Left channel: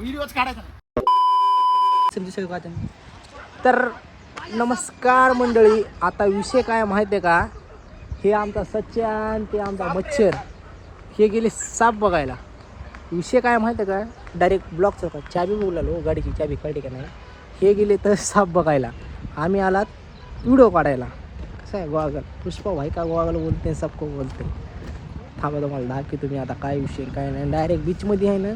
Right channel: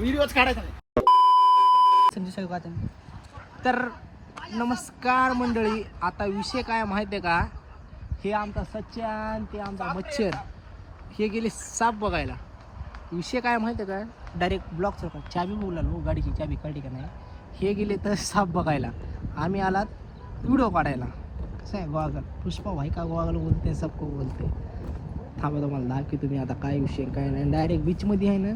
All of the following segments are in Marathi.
व्हिडिओच काढायचा नाही. तर नमस्कार मंडळी आता विषय काय माहिती आहे का? हे आमचा सच्चान ते आमचा मच्छर. हे गेले साप बघायला. विषय काय माहिती आहे का? डायरेक्ट ब्लॉक चौकात चाबी बोलालो गाडीची चाबी कळली का नाही? हे गेले तर साप बघायला. आम्ही आलात व्हिडिओ काढायला. कसं आहे गोवागल पुष्पा भाई का गोवागल बोलते सबको बोलते? थांबा तुम्हाला दहा की तुम्ही आता काय विषय काय नाही. डायरेक्ट बीचमध्ये आहे ना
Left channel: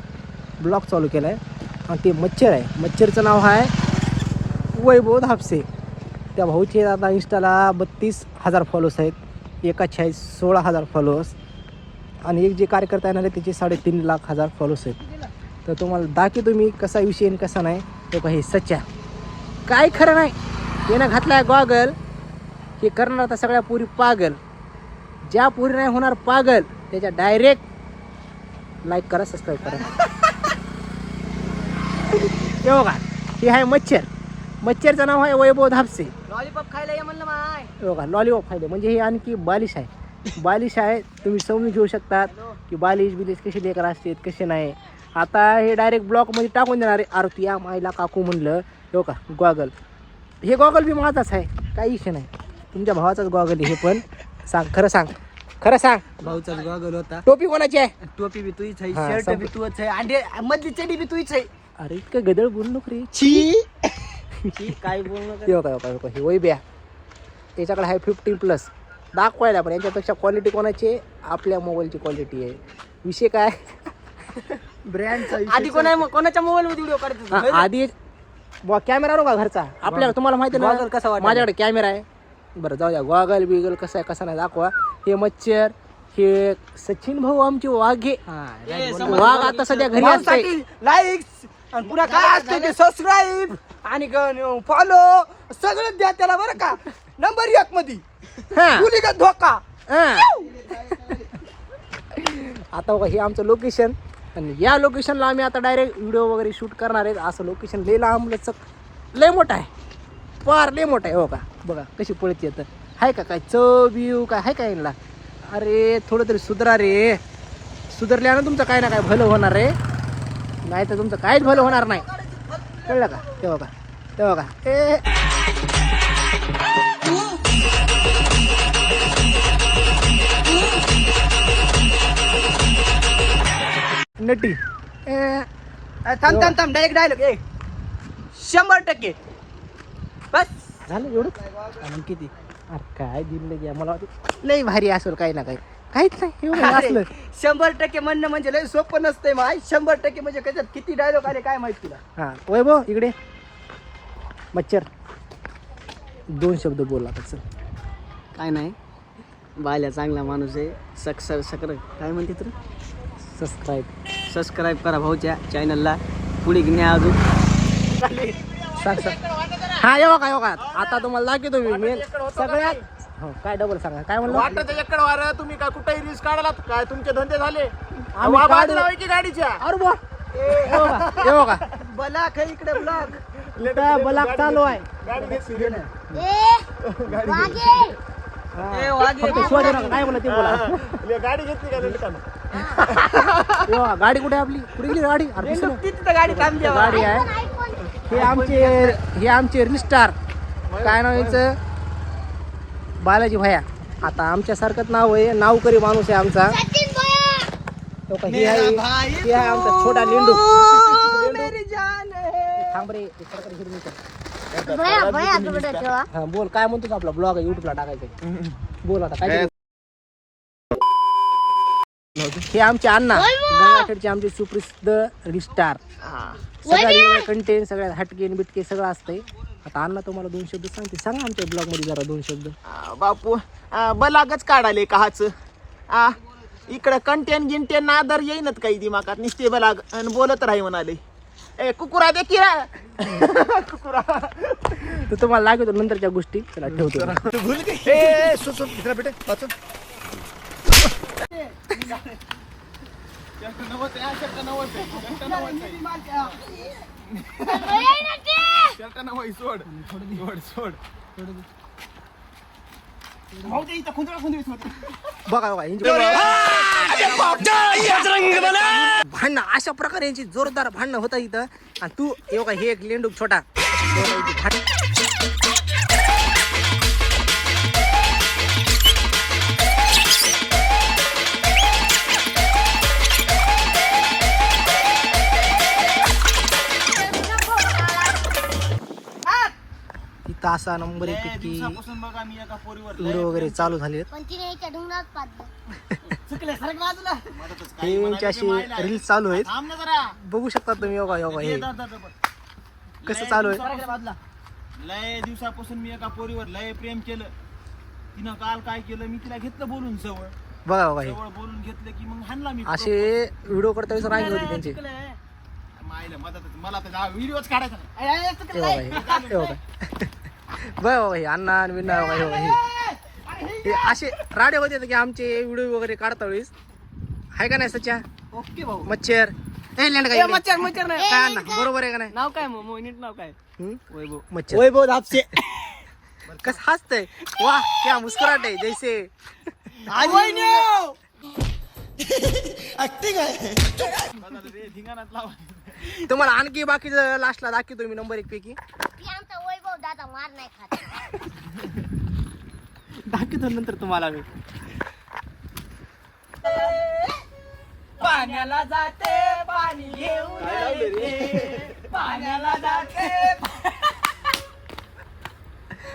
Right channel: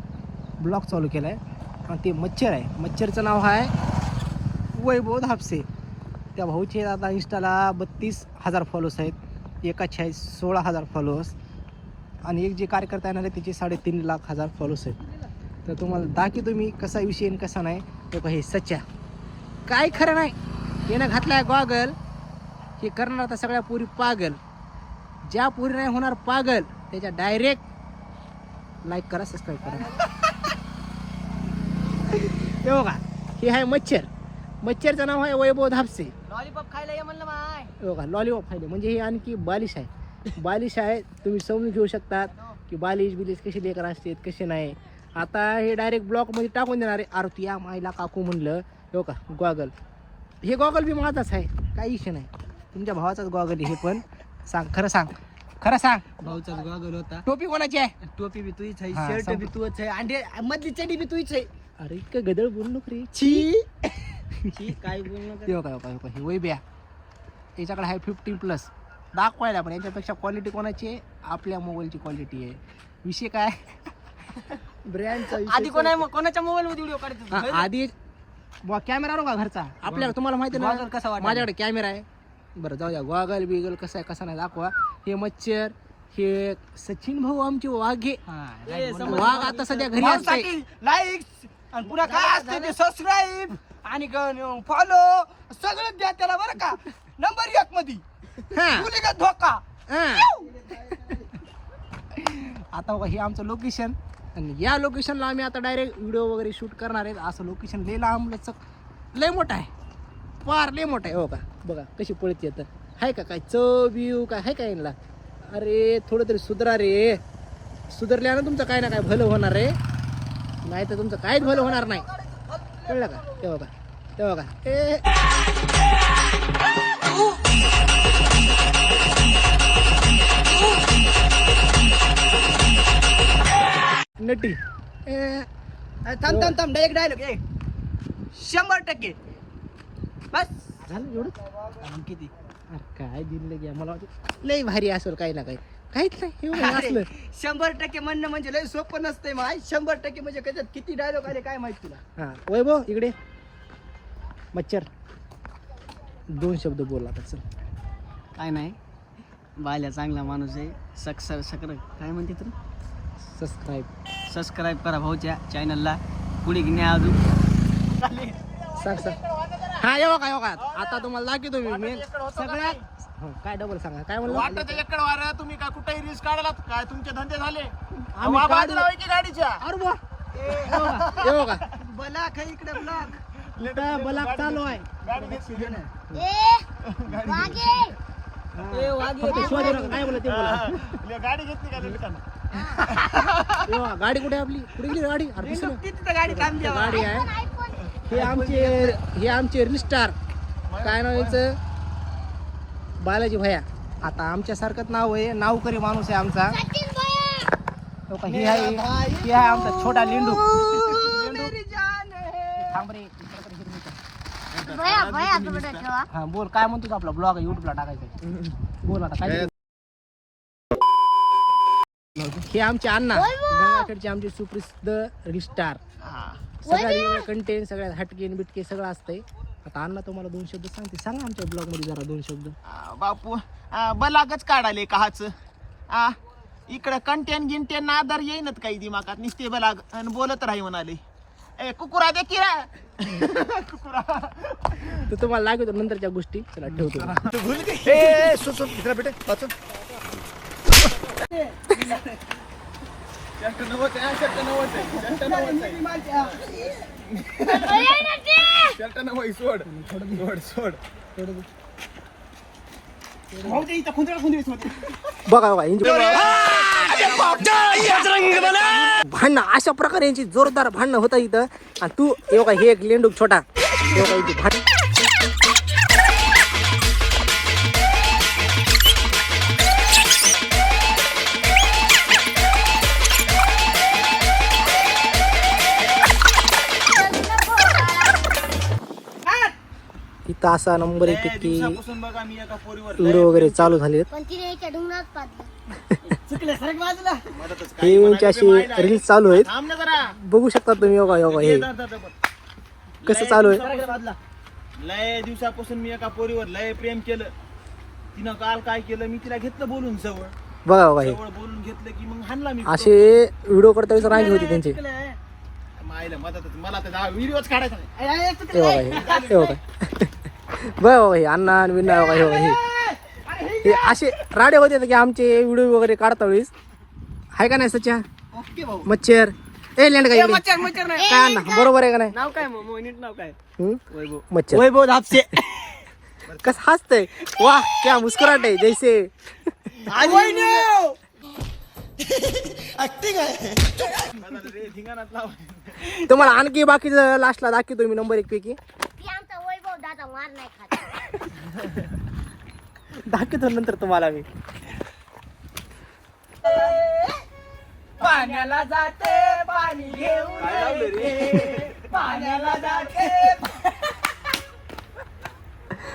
ब्लॉक चालू केला आहे आणि ते मच्छर आहे. मच्छरचं नाव आहे वैभव धापसे. त्या भाऊचे आता इंस्टाला बत्तीस हजार फॉलोअर्स आहेत. एकाचे आहे सोळा हजार फॉलोअर्स आणि एक जे कार्यकर्ता येणार आहे त्याचे साडेतीन लाख हजार फॉलोअर्स आहेत. तर तुम्हाला दाखी तुम्ही कसा विषय आणि कसा नाही. तो काही सच्चा. काय खरं नाही. यानं घातलाय गॉगल हे करणार आता सगळ्या पुरी पागल. ज्या पुरी नाही होणार पागल. त्याच्या डायरेक्ट लाईक करा सबस्क्राईब करा. हे बघा हे आहे मच्छर. मच्छरचं नाव आहे वैभव धापसे. लॉलीपॉप खायला ये म्हणलं माय. बघा लॉलीपॉप खायले म्हणजे हे आणखी बालिश आहे. बालिश आहे तुम्ही समजून घेऊ शकतात की बालिश बिलिश कसे लेकर असतात कसे नाही. आता हे डायरेक्ट ब्लॉकमध्ये टाकून देणार आहे आरती. या माईला काकू म्हणलं. हो का गॉगल हे गॉगल बी माझाच आहे. काही विषय नाही. तुमच्या भावाचाच गॉगल आहे हे पण. सांग खरं सांग. खरं सांग. भाऊचाच गॉगल होता. टोपी कोणाची आहे? टोपी बी तुझीच आहे शर्ट बी तुझच आहे अंडे मधली चडी बी तुझीच आहे. अरे इतकं गदळ बोलू नको रे. छी छी, काय बोलणं हे बघा हे बघा, हे बघा, हे वैब्या याच्याकडे आहे फिफ्टीन प्लस दाखवायला पण याच्यापेक्षा क्वालिटी कोणाची आहे? आपल्या मोबाईलची क्वालिटी आहे. विषय काय? ब्रँड आधी कोणा कोणाच्या मोबाईल मध्ये व्हिडिओ काढतो आधी बुवा कॅमेरा का घरचा. आपल्याला तुम्हाला माहिती आहे Goggle कसा वाटायला? माझ्याकडे कॅमेरा आहे. बरं जाऊ द्या. गॉगल बिगल कसं आहे कसा नाही दाखवा. हे मच्छर हे सचिन भाऊ आमचे वाघे. वाघ आता सध्या घरी असते लाईक्स आणि पुन्हा काय असते ते सबस्क्राईब आणि फॉलो सगळं द्या त्याला बरं का. नंबर एक मध्ये हा. गुलीगत धोका. आता बघा हे आमचं लोकेशन आणि या लोकेशनला आम्ही आता डायरेक्ट व्हिडिओ वगैरे शूट करणार आहेत. असं लोकेशन लय लांब लचक. लय मोठं आहे. फार लय मोठं आहे हो का? बघा कशी पळत येतं. आहे का काय? चव बिव काय? आहे का यांना? अरे थोडं तरी सुधरा रे. सुधरल्यानं तुमचं काय ना काय भलं होणार रे नाही तर तुमचं काहीच भलं होणार नाही. कळलं का? ते बघा ते बघा. ए नटी. थांब थांब थांब डायरेक्ट डायलॉग एक शंभर टक्के. बस. झालं एवढं? किती अरे काय जिंदगी आहे मला लई भारी असेल काही ना काही. काहीच नाही एवढं अरे, असलं. शंभर टक्के म्हणणं म्हणजे लय सोपं नसतंय माय शंभर टक्के म्हणजे कशात? किती डायलॉग आले काय माहीत तुला? हा वैभव इकडे. मच्छर. दोन शब्द बोला आता चल. काय नाही. बाल्या चांगला माणूस आहे. सक्सर सकर काय म्हणते तर? सबस्क्राईब सबस्क्राईब करा भाऊच्या चॅनलला पुढे न्या अजून. सांग सांग. हा येऊ का येऊ का. आता तुम्हाला दाखवतो मी. मेन सगळ्यात हो, काय डबल सांगा? काय म्हणलं? वाटतं चक्कर वारा तुम्ही काय कुठेही रिस्क काढला काय तुमचे धंदे झाले? आम्ही वा-. बाजूला होय की गाडीच्या? अरे बा येऊ का येऊ का बलाक आहे इकडे ब्लॉक इथं बलाक चालू आहे. फक्त शिवाजी नका, काय ते बोला. गाडी घेतली का गाडी कुठे आहे आपली? कुठे गेली गाडी? अरे. तिथं गाडी थांबली गाडी आहे. हे आमचे हे आमचे रिस्टार काय नाव याचं? बालाजी भया आता आमच्यासारखंच नाव आहे नावकरी माणूस आहे आमचा. तो का हे आहे हे आहे आमचा छोटा लेंडू. थांब रे इकडं तर हिरवी कर. हा बोल काय म्हणतोस आपला ब्लॉग युट्यूबला टाकायचा बोल आता काय हे आमचे अण्णा. गंगाखेडचे आमचे सुप्रसिद्ध रिस्टार सगळ्या कंटेंट सगळ्यात हटके आणि बिटके सगळं असतंय. आता अण्णा तुम्हाला दोन शब्द सांगते. सांगा आमच्या ब्लॉगमध्ये जरा दोन शब्द. बापू आ, बलागच काढाले काच आ इकडं कंटेन गिंटेन नादर येईनच काही दिमागात. निस्ते बलाग आणि बोलत राही म्हणाले. ए कुकुरा दे की. कुकुरा. तर तुम्हाला लागतो नंतरच्या गोष्टी. चला ठेवतो. ए सु सु इकडे बेटे बघा भांडणं अशा प्रकारे यांची जोरदार भांडणं होता इथं. आणि तू हे बघा हे एक लेंडूक छोटा. हे बघा इथे भांड- असा नंबर एक दिवसापासून बघा मी एका पोरीवर व्हिडिओ वगैरे चालू झालेत. पण तिने एका डोंगरात पाडलं. मदतच हे यांची अशी रील्स चालू आहेत. थांब ना जरा. बघू शकता तुम्ही योगा योगा हे. ये धर, धर, धर, बघ. कसं लय चालू आहे? दिवसापासून- लय दिवसापासून मी एका पोरीवर लय प्रेम केलं. तिनं काल काय केलं मी तिला घेतलं बोलून जवळ. बघा बघा हे. जवळ बोलून घेतलं की मग हाणला मी. असे व्हिडिओ करता वेळेस रांगी होती त्यांची. मायला मदतच. मला तर व्हिडिओच काढायचा नाही. हे बघा हे. हे बघा. हे अण्णा बघा हे हे. हे असे राडे होते की आमचे व्हिडिओ वगैरे काढता वेळेस. आहे का नाही सच्या? मच्छर. ए लेंड का इकडे. काय अण्णा बरोबर आहे का नाही? नाव काय नाव काय? मच्छर. वैभव धापसे. कस हसतय. वाह क्या मुस्कुराट आहे जैसे. तुम्हाला आणखी बाकीचं लास्टला दाखवतो मी नंबर एक पैकी ती आमचा वैभव दादा मार नाही खात दाखवतो नंतर तुम्हाला मी. पाण्याला जाते पाणी घेऊन रे. पाण्याला जाते.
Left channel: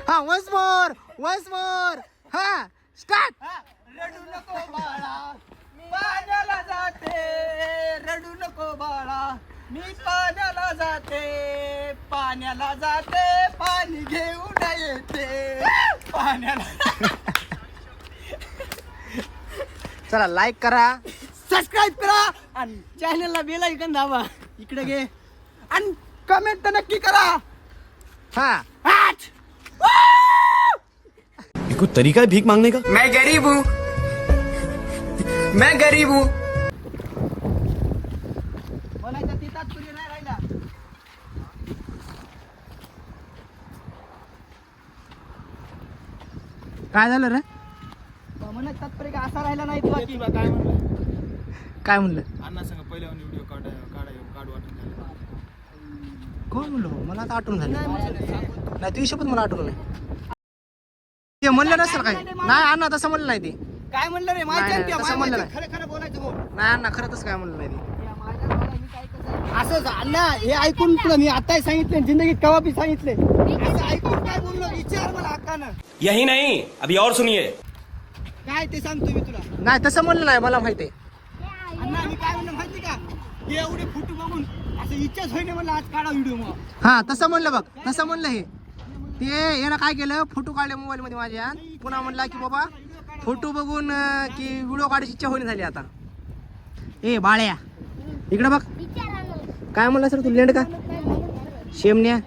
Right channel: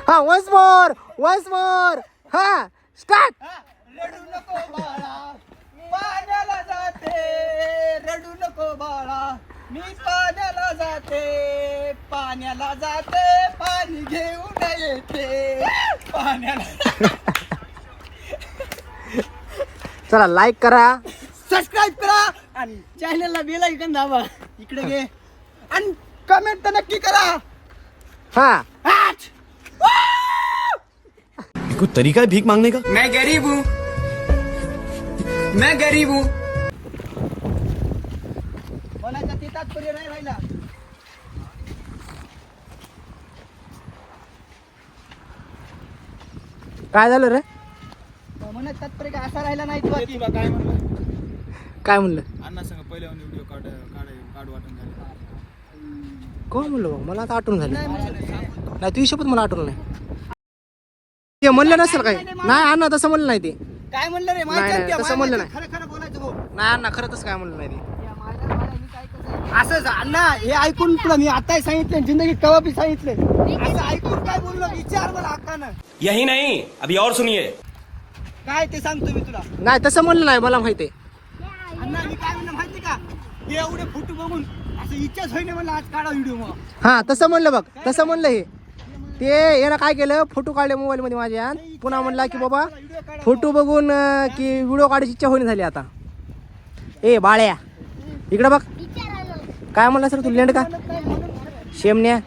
हा वन्स मोर वन्स मोर हा स्टार्ट रडू नको बाळा. पाण्याला जाते रडू नको बाळा. मी पाण्याला जाते पाण्याला जाते पाणी घेऊन येते. पाण्याला चला लाईक करा. सबस्क्राईब करा आणि चॅनलला बेल ऐकून दाबा. इकडे घे. आणि कमेंट तर नक्की करा. हा. आठ! कोई तरीका है भीख मांगने का? मैं गरीब हूँ। मैं गरीब हूँ बोलायचं ते तात्पर्य नाही राहिला. काय झालं रे? म्हणत तात्पर्य काय असा राहिला नाही तुला काय काय म्हणलं? अण्णा सांग पहिले व्हिडिओ काढ वाटून झालं. कोण म्हणलो मला आता आठवण झाली. नाही तुझी शपथ मला आठवण नाही. ते म्हणलं नसेल काही. नाही अण्णा तसं म्हणलं नाही ते. काय म्हणलं रे? नाही, नाही, तसं म्हणलं नाही. खरं खरं बोलायचं भाऊ. नाही अण्णा खरं तसं काय म्हणलं नाही ते. असंच अण्णा हे ऐकून तुला मी आताही सांगितले जिंदगीत कवा बी सांगितले. असं ऐकून काय बोललो? विचार मला हक्कानं. यही नहीं अभी और सुनिए. काय ते सांगतो मी तुला. नाही तसं म्हणलं नाही मला माहिती आहे. अण्णा मी काय म्हणलं माहिती का? हे एवढे फोटो बघून असं इच्छाच होईना मला आज काढा व्हिडिओ मग. हा तसं म्हणलं बघ तसं म्हणलं हे. ते यानं काय केलं? फोटो काढले मोबाईल मध्ये माझ्या पुन्हा म्हणला की बाबा फोटो बघून अं, की व्हिडिओ काढायची इच्छा होईना झाली आता. ए बाळ्या इकडे बघ. काय म्हणला सर तू लेंड का? शेमण्या.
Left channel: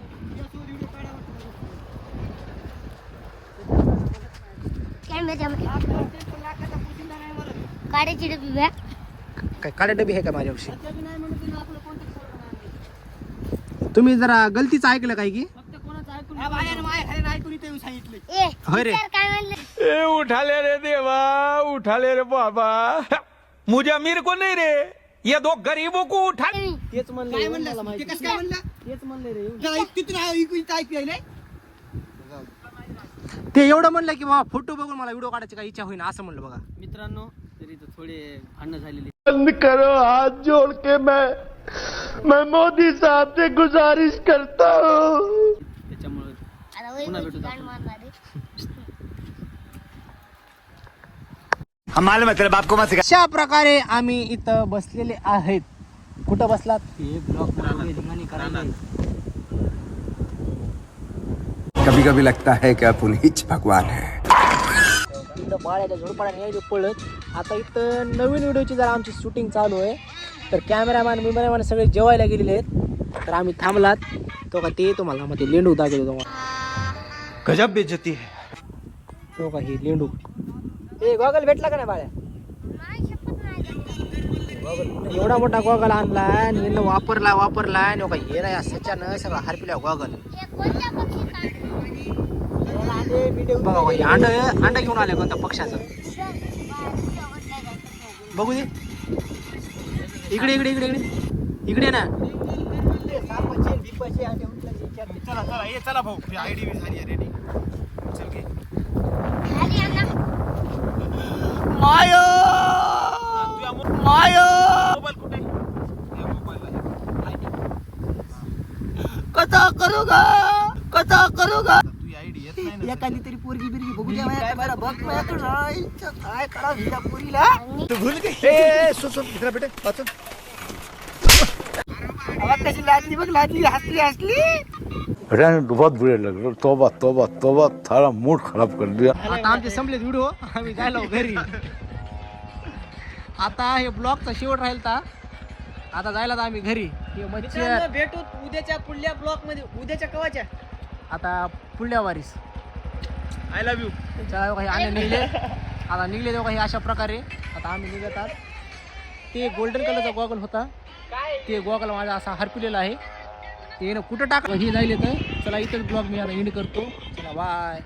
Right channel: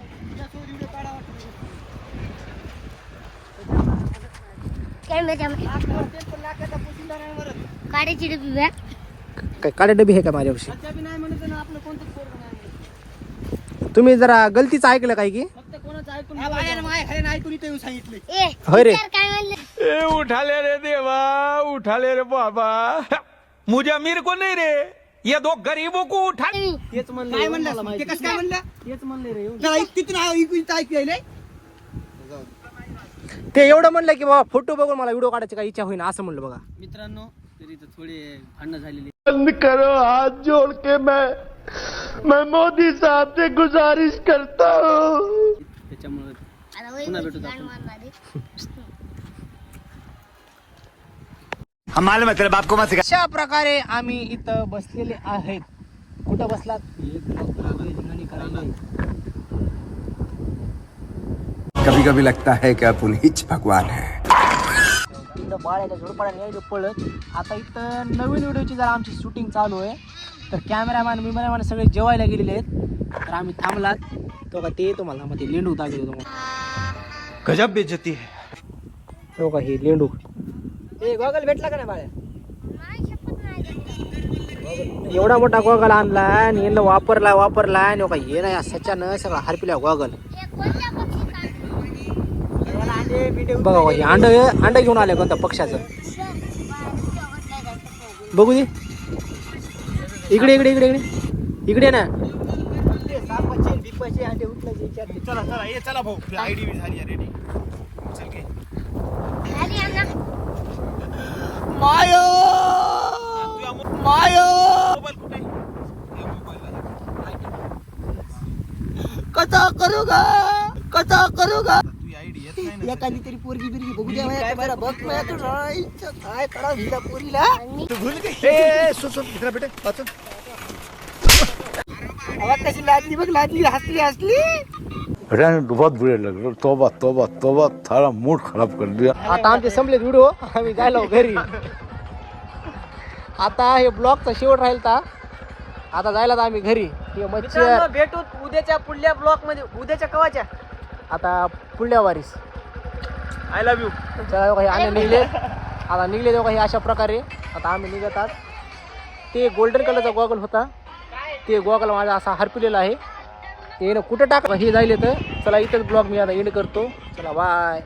काय डबी काळे आहे का माझ्यापाशी? तुम्ही जरा गलतीचं ऐकलं काय की? होय रे. विचार काय म्हणले? ए उठा ले रे देवा उठा ले रे बाबा. मुझे अमीर को नहीं रे? ये दो गरीबों को उठा तुम्ही काय म्हणलं ते कसं काय म्हणलं? तेच म्हणले रे. तिथून ऐकून इथं ऐकू यायलंय. ते एवढं म्हणलं की बाबा फोटो बघून मला व्हिडिओ काढायची काय इच्छा होईना असं म्हणलं बघा. मित्रांनो तरी तर थोडे भांडणं झालेली बंद करो हाथ जोड़ के मैं मैं मोदी साहब से गुजारिश करता हूँ। त्याच्यामुळे है को मत सिखा। अशा प्रकारे आम्ही इथं बसलेले आहेत. कुठं बसलात? कभी कभी लगता है कि आप उन्हीं भगवान है। पळत. आता इथं नवीन व्हिडिओची जरा आमची शूटिंग चालू आहे. तर कॅमेरामॅन बिमॅरामॅन सगळे जेवायला गेलेले आहेत. तर आम्ही थांबलात. तो का ते तुम्हाला ते लेंडू दाखवतो तुम्हाला. गजब बेइज्जती है। तो का हे लेंडू. ए गॉगल भेटला का नाही बाळ्या नाही शपथ नाही घेतलं. एवढा मोठा गॉगल आणला आणि यांना वापरला वापरला आणि का हे ना सच्यानं सगळा हरपिला गॉगल? बघा बघा, हे अंड अंड घेऊन आले कोणत्या पक्षाचं? बघू दे. इकडे इकडे इकडे इकडे. इकडे ना. चला चला ये चला भाऊ. आयडी झाली रेडी चल घे आली अण्णा माय माय कथा करू का कथा करू एखादी तरी पोरगी बिरगी बघू द्या जरा बघ ना तू काय करा हिला पोरीला? तू भूल गई. सो सो इकडे बेटे वाचन आवाज कशी लादली बघ लादली हसली हसली. बहुत बुरे लग रहे तोबा तोबा तोबा थारा मूड खराब कर दिया. आता आमचे संपले व्हिडिओ आम्ही जायलो घरी? आता हे ब्लॉगचा शेवट राहील ता आता जायला तर आम्ही घरी. हे मच्छर भेटू उद्याच्या पुढल्या ब्लॉकमध्ये उद्याच्या कवाच्या? आता पुढल्या वारीस. आय लव्ह यू आम्ही निघले. आता निघले तेव्हा काही अशा प्रकारे. आता आम्ही निघतात ते गोल्डन कलरचा गॉगल होता. ते गॉगल माझा असा हरपिलेला आहे. ते कुठं टाक हे जायले तर चला इथंच ब्लॉग मी आता एंड करतो. चला बाय